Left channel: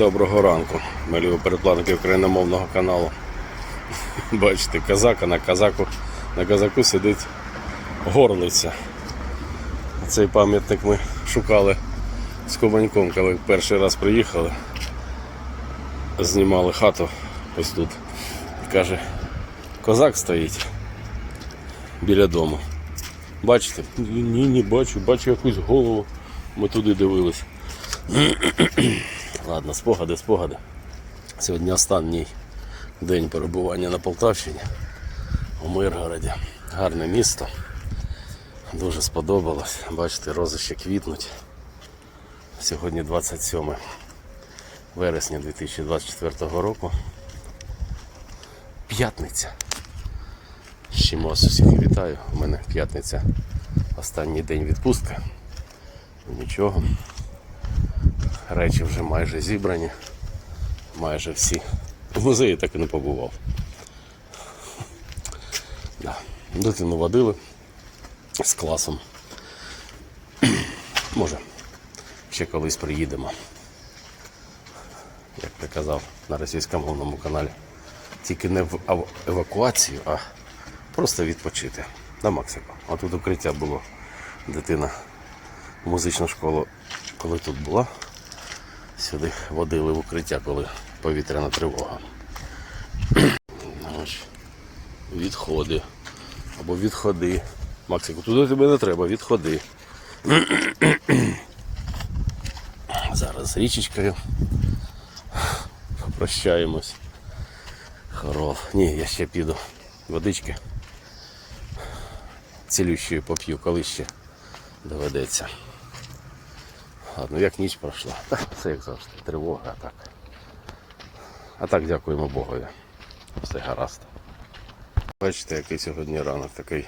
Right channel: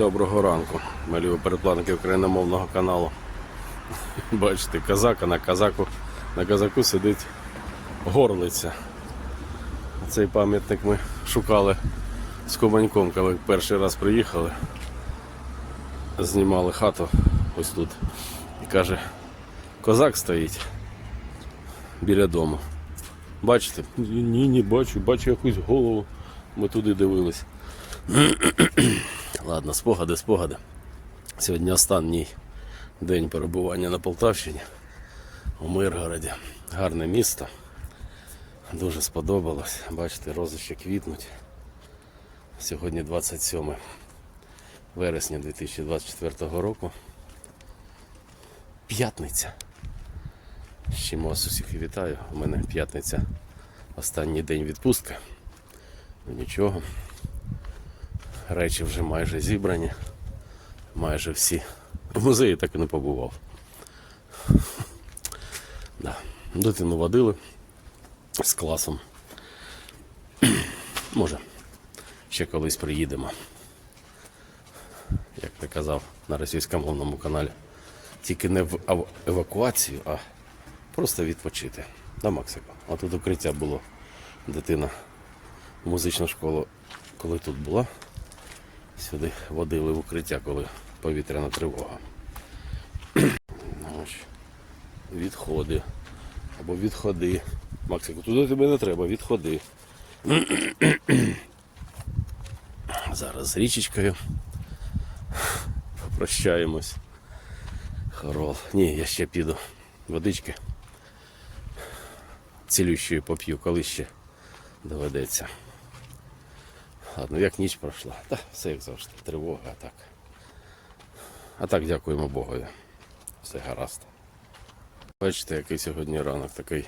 Доброго ранку, малі передплатники україномовного каналу. Бачите, казак, а на казаку, на казаку сидить горлиця. Цей пам'ятник ми шукали з Кубаньком, коли перший раз приїхали. Знімали хату ось тут. Каже, козак стоїть біля дому. Бачите? Ні, не бачу, бачу якусь голову. Ми туди дивились. Ладно, спогади, спогади. Сьогодні останній день перебування на Полтавщині у Миргороді. Гарне місто. Дуже сподобалось. Бачите, рози ще квітнуть. Сьогодні 27 вересня 2024 року. П'ятниця. Вас усіх вітаю. У мене п'ятниця. Останній день відпустки. Нічого. Речі вже майже зібрані. Майже всі. В музеї так і не побував. Да. Дитину водили з класом. Може, ще колись приїдемо. Як я казав на російськомовному каналі. Тільки не в евакуацію, а просто відпочити. На Максику. А тут укриття було. Дитина музичну школу, коли тут була, сюди водили в укриття, коли повітряна тривога. Відходи. Або відходи. Максику, туди тебе не треба, відходи. Зараз з річечкою. Прощаємось. Хорол. Ні, я ще піду. Водички. Цілющої поп'ю, коли ще доведеться. Ладно, як ніч пройшла. Все як завжди. Тривога, а так. А так дякуємо Богові. Все гаразд. Бачите, який сьогодні ранок такий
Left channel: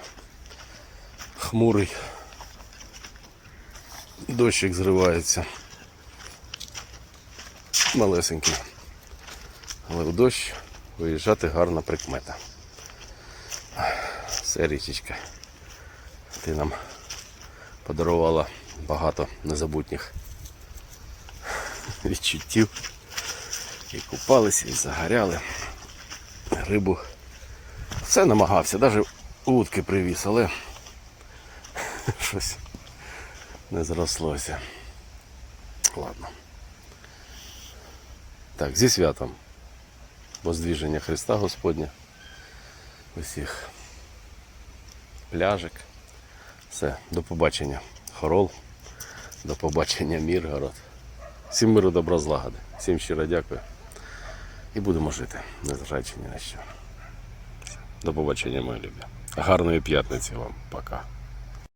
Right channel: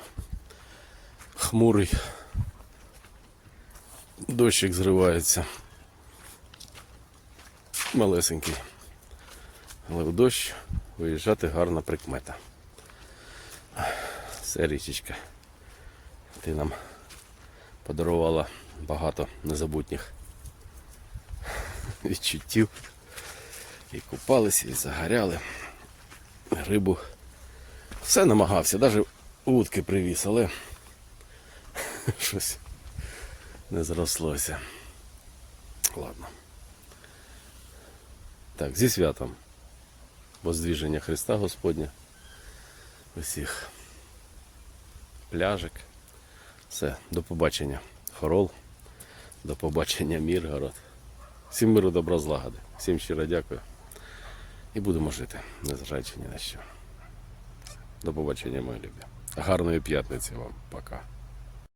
хмурий. Дощик зривається. Малесенький. Але в дощ виїжджати гарна прикмета. Все річечка. Ти нам подарувала багато незабутніх відчуттів. І купалися, і загоряли. Рибу. Все намагався, навіть утки привіз, але щось не зрослося. Ладно. Так, зі святом. Воздвіження Христа Господня. Усіх пляжик. Все, до побачення, Хорол. До побачення, Міргород. Всім миру, добро злагоди. Всім щиро дякую. І будемо жити, незважаючи ні на що. До побачення, мої любі. Гарної п'ятниці вам. Пока.